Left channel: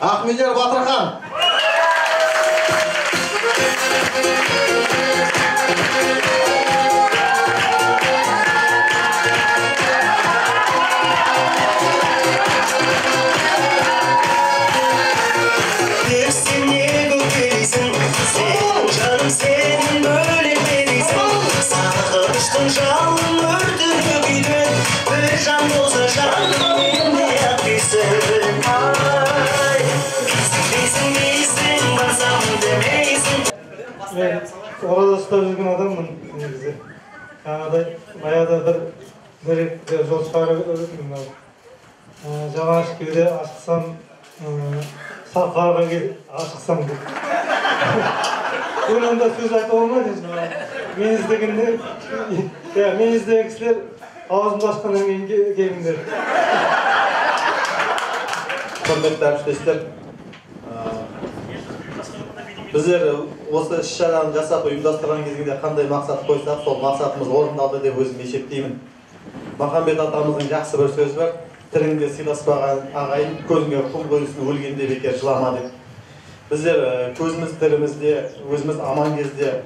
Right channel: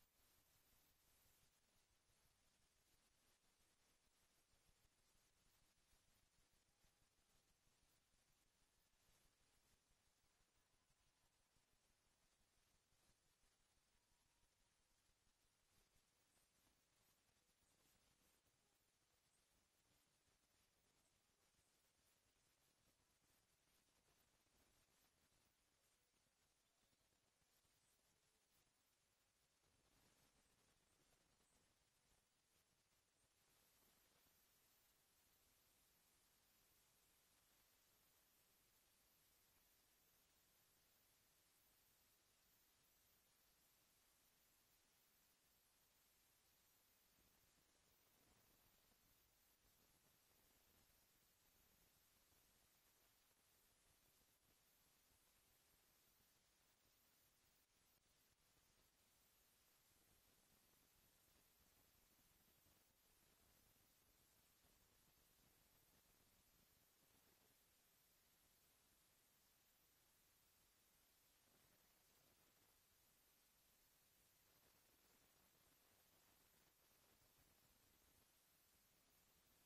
Ahmediyar Batırхан. Ben orada usta üzgün adamım bize. Kanada bayağı bir yol çıkarıp öğretmenim abi. Javaş gibi açıksam, safarga gibi açıksam gibi. Bunun da söz ayta olmaz ya. Men izdeginde, ya men izdegen kişiler ağzımda açkandan keyin gelingler. Hürmetli arkadaşlar, bizler осы іс-шараны жасап ұйымдастырған кезінде қандай мақсат қойсақ, сол мақсатымыз орындалды деп өзім есептеймін. Махамбет атамыздың жақсы бір сөзі бар: тіріңде сыйласпаған ағайын көзіңе құм қойсын, өлгенде бекер жылама деп. Біздер көзіміз тірімізде, өзіміз аман кезде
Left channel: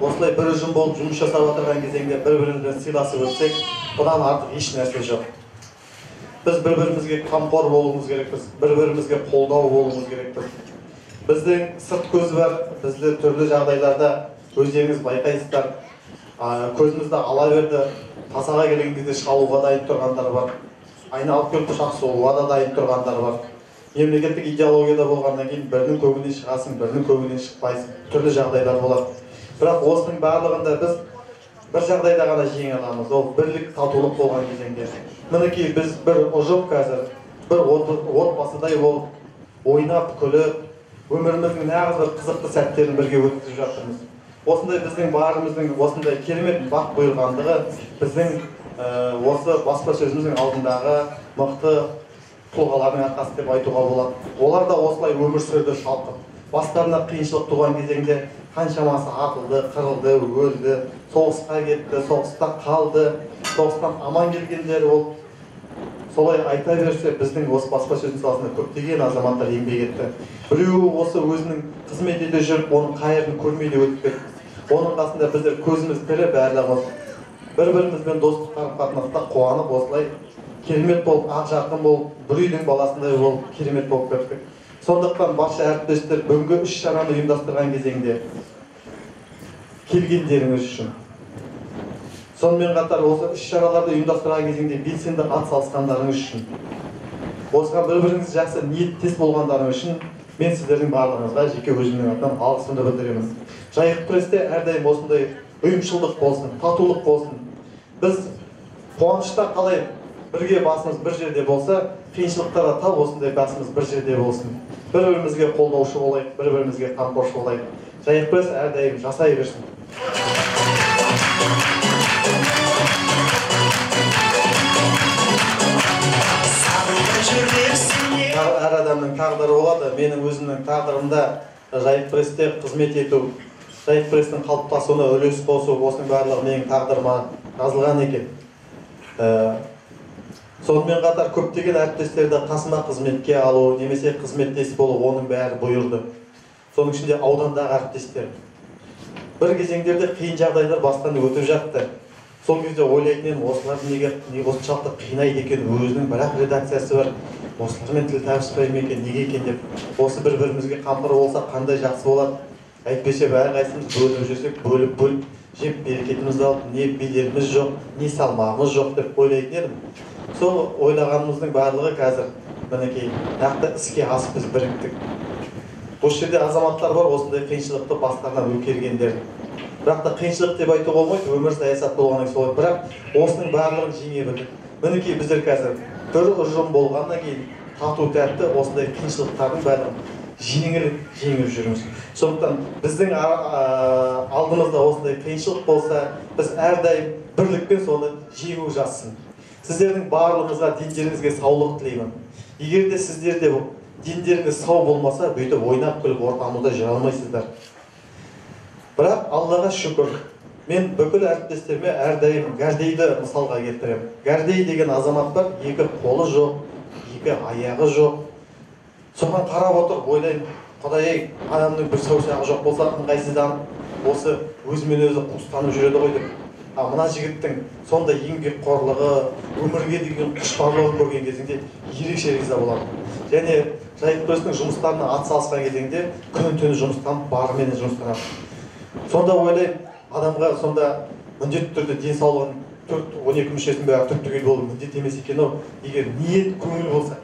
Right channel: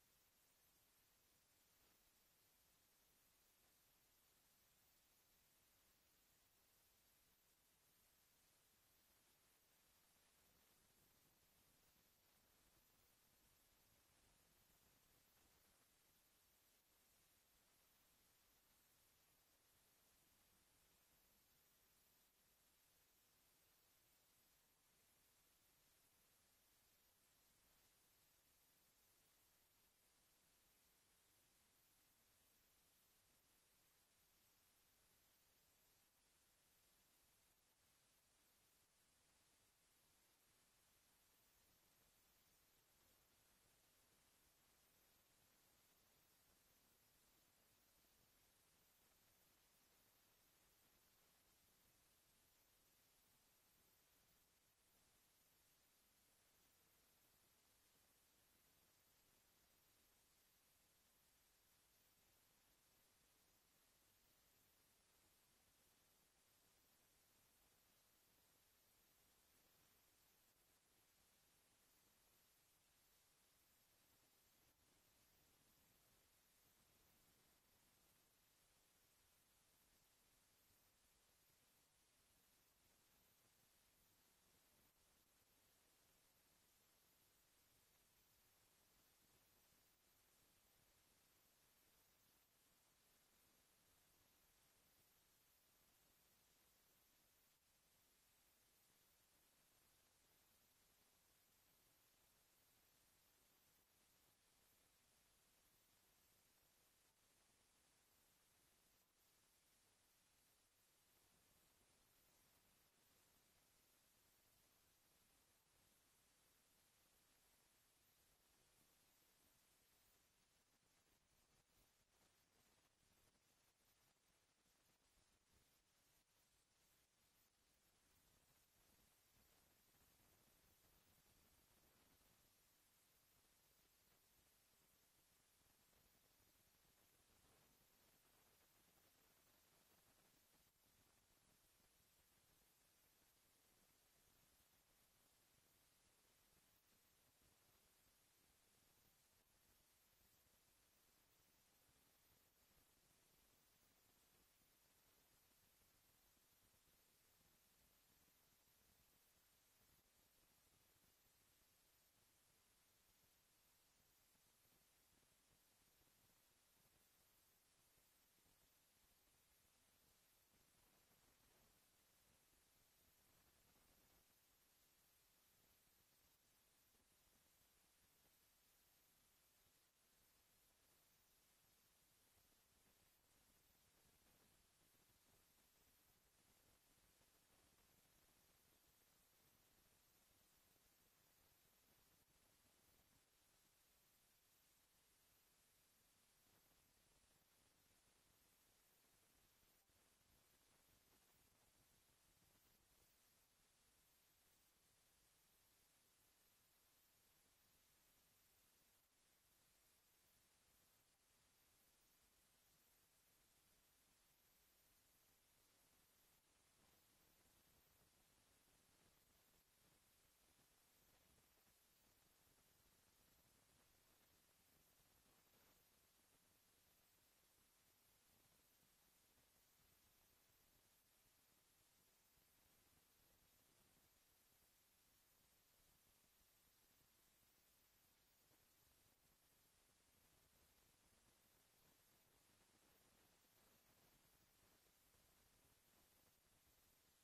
осылай бір ұжым болып жұмыс жасап отырған кезеңде бір-бірімізбен сыйласып өтсек, бұдан артық еш нәрсе жоқ. Біз бір-бірімізге қамқор болуымыз керекпіз, бір-бірімізге қолдау болуымыз керекпіз. Біздің сырт көзі бар, бізді түрлі жағдайларда өздеріңіз байқайсыздар. Көзімізді ала берді, тасаға келген кезде шалуға дайын тұрғандар бар. Айналып келіп шақсуға да дайын тұрғандар бар. Мемлекеттік идеологияда болғаннан кейін бірінің көңілінен шығасың, бірінің көңілінен шықпайсың. Түрлі жағдайлар болады. Бірақ осының барлығында біз бір жағдайда ғана жеңе аламыз. Ол бірлік, татулық болған кезеңде. Мінекей біз бір ұжым қазір, бір отбасыдай болып, ойнап, күліп, өміріміздің нағыз бір қызықты сәттерін бірге өткізіп жатырмыз. Осындай біздің барымыздың осындай керемет бақ бұйырғандығы біздің осы баспасөзіміздің алдындағы мықты тұлғалардың арқасы деп айтуға болады. Олар да осылай өмір сүрді шалқып. Бастарына қиыншылық туған кезеңде қаншамасы атылды, қырылды, өлді, соғысқа кетті, соғыста қалды, соғыстан аман келгендер ол. Солай айта берсе, біздің осы баспасөздің саласында көптеген азаматтар еңбек етті. Біреуі осы өзінің қызмет ете жүріп, оның қайырын көрмейді өтіп кетті. Оның қасында біздер көзіміз тірі барлығымыз бір-бірімізбен достық қарым-қатынаста қуанып, осылай керемет болып, ақ жарқын болып, бір үйдің баласындай болып, керемет болып кеттік. Сондықтан барша әріптестер бүгінгі іс-шараны ұйымдастырған кезеңде келгендеріңіз үшін, сонымен қатар осы іс-шараларды ұйымдастырған кезеңде белсенді атсалысқандарыңыз үшін, осыған бір-біріңіз жақсы ниеттес болғандарыңыз үшін мен сіздердің барлығыңызға жеке өзімнің атынан алғысымды білдіремін. Жайық престе әрдайым осындай ұйымшылдық болсын, татулық болсын. Біз қуанышта қалай бірге басымыз бір жерде болса, қиыншылықтарда тап осындай басымыз бір жерде болсын. Бір-бірімізге қолдаушы болайық, бір-бірімізге қамқоршы болайық. Жайық пресс әрдайым жасай берсін. Әр адамның тағдыры болады. Менің өзімнің тағдырымда Жайық престе қызмет ету, Жайық пресстің қалыптасуына үлес қосу, осының барлығы менің тағдырыма жазылған екен. Сонымен қатар көптеген әріптестерді қасыма қызметке алу, немесе қызметтес болу, оның бәрі бұйырды. Соның ішінде аудандағы әріптестер. Бір кезеңдерде қиын жағдайлар бастан өтіп жатты. Сол кезде ойлайтын осыларды неге осыншалықты қинайды екен, өзінің бірақ редакциясы бар, осылармен тіл табыспай ма екен, неге екен деп. Осы бір-бірімізге қамқор болса қандай жақсы болады. Әйтпесе әрқайсымыз бөліп жүрсек, бөліп жеп берекетімізді алып, не беделіміз жоқ, не салмағымыз жоқ деп ойлайтын едім. Сол ойлағанымыздың барлығы қазір мінекей нақты іске асып біз біріктік. Осы жерде азаматтар бар, осындай қиыншылықты бастарынан өткергендер. Бірақ та қиыншылық деп айтуға болмайды, өмір саясат болғаннан солай. Бірақ осының барлығын жеңе білдік. Мінекей біздер қазір бір ұжым болғаннан кейін тату тәтті осындай қиыншылықтардың бәрін жеңіп жүрміз. Сондықтан біздің алдымызда осындай қиыншылық болса, біз әрдайым бірлікпен соны жеңу жазсын. Сіздердің барлығыңызға дендеріңізге саулық тілеймін. Егер де сіздерде дендеріңіз сау болмаса, бүйтіп ойнап күліп ортамызда жүре алмайсыздар. Бірақ Аллаға шүкір, мен бүкіл әріптестеріме әрдайым Гәрдейді мысалға келтіремін. Гәрдей деген азамат бар, екі қолы жоқ, екі аяғы жоқ. Соған қарап отырып ойлаймын, Құдай адамның бір саусағы жоқ болса, ыңғайсызданып, осы өзімен өзі қуыстанып жүреді ғой деп. Мына жігіттің сондай еңбекқорлығы, өмірге деген құштарлығын көрген кезінде ерекше риза боламын. Және жайық күресінің жұмыстарына атсалысқан кезеңде күні-түні жұмыстан барымен жұмыстанады. Сонда ойлаймын, адамға сонда міндетті түрде денсаулығын 12 мүшесінің бәрі түп-түгел болу міндет емес екен-ау, егер ниет көңіл болса.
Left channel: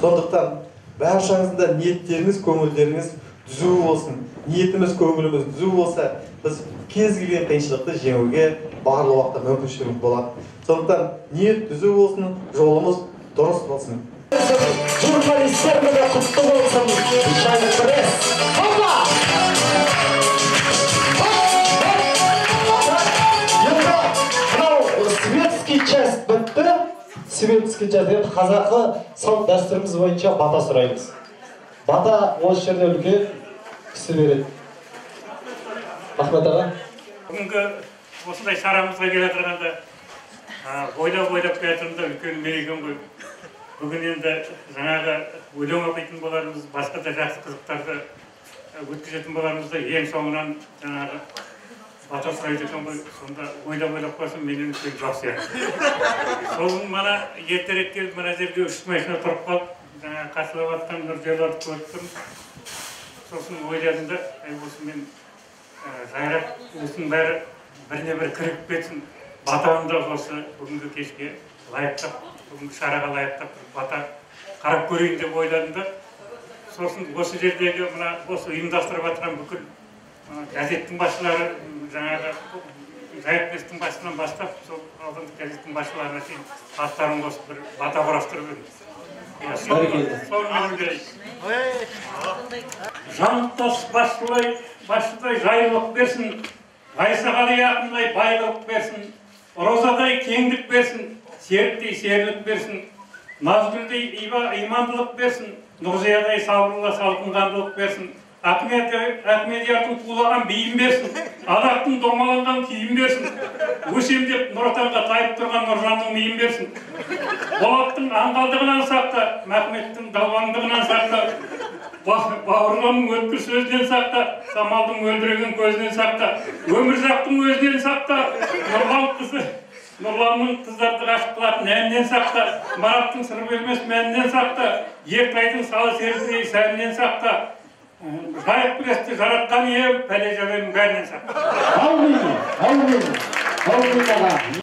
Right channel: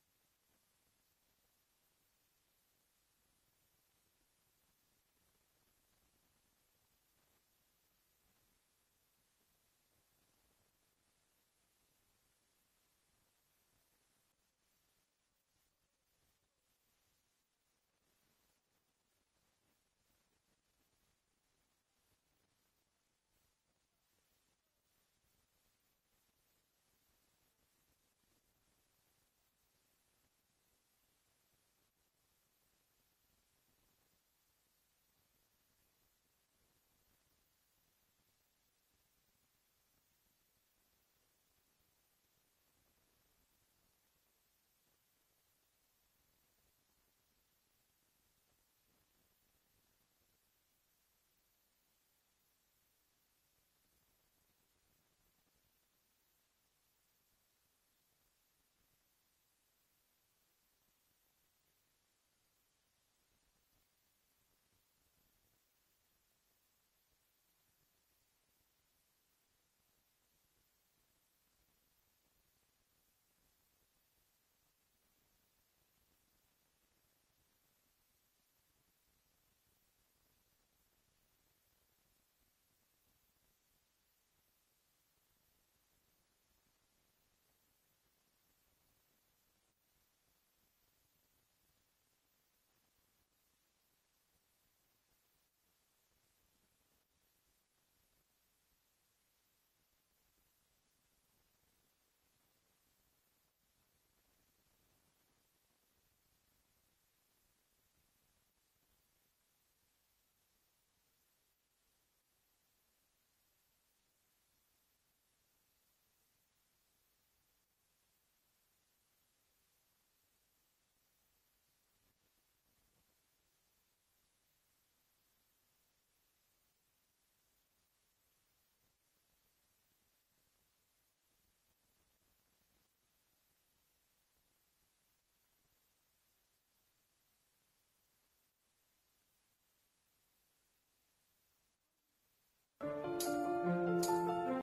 Сондықтан баршаңыздың ниеттеріңіз, көңілдеріңіз түзу болсын. Ниетіміз, көңіліміз түзу болса, біз кез келген қиыншылықты жеңуге барлық уақытта мүмкіншілігіміз болады. Сондықтан ниет түзу болсын, жолымыз дұрыс болсын. Журналистерімізге құтты болсын, жайық күрес. Опа! Светский часть бітті. Светский часть енді қазақы салт дәстүріміз бойынша бата сұраймыз. Бата осы жерде үлкен кісі береді. Рахмет аға. Бүгінгі осындай шарамызға келе жатырғанда ойлап келе жатырмында үлкен мереке ғой. Бүгін енді жаңағы өлең оқитын боларымыз, басқа да жақсы қызықтарды өткізетін боларымызда ең соңынан жаңағы бата сұрайды екен ғой. Сонда ойлап қойсам менен үлкен жоқ сияқты. Сол мана ертерек келіп мына жерге 3 машина тұрып қалып, жаңағы қасылап жатқан Нұржайларды көріп тұрмын. Сосын ойладым да, осы мен жайрап осының бәрі біріне бір кіріп кетсін. Батамды осы бүгінгі кешке лайықтап, бүгінгі шараға лайықтап бата қарап көрейін деп ойладым да. Сосын осы жердегі мына осы ұйымдастырып жатқан бүкіл газеттің басшылары, жаңағы жайық күрестің басшысынан бастап, сол алдыңғы газеттің басшыларына шейін аттарын қосып бір бата құрастырып едім. Соны менің берейін. Жанттас басшыдай жайлылық берсін, Ғайсағали ақындай байлық берсін, Розадай кеңдік берсін, Серіктей серлік берсін, Назгүлдей имандылық берсін, Нұрзиядай сабырлы салқынғандылық берсін, Ахмедиярдың тулаған бейім берсін, Адақтың домаланған киім берсін, Өсемдеп Нұр Отанға тайып тұрған Нұржанның миын берсін. Болаттың аңғалдығынан сақта, Махметтің далбаңдығынан сақта, Бауырланның өткір сөзінен сақта, Самалдың өлдіреген көзінен сақта, Өмірзақтың өзінен сақта, Нұрланның қыздарды ғашық қылатын әнінен сақта, Мараттың сыр бермес мәнінен сақта, Ертайдың салы серісіндей сәнінен сақта, жайық күресті жаратқан ие, пәле жәбенің бәрінен сақта.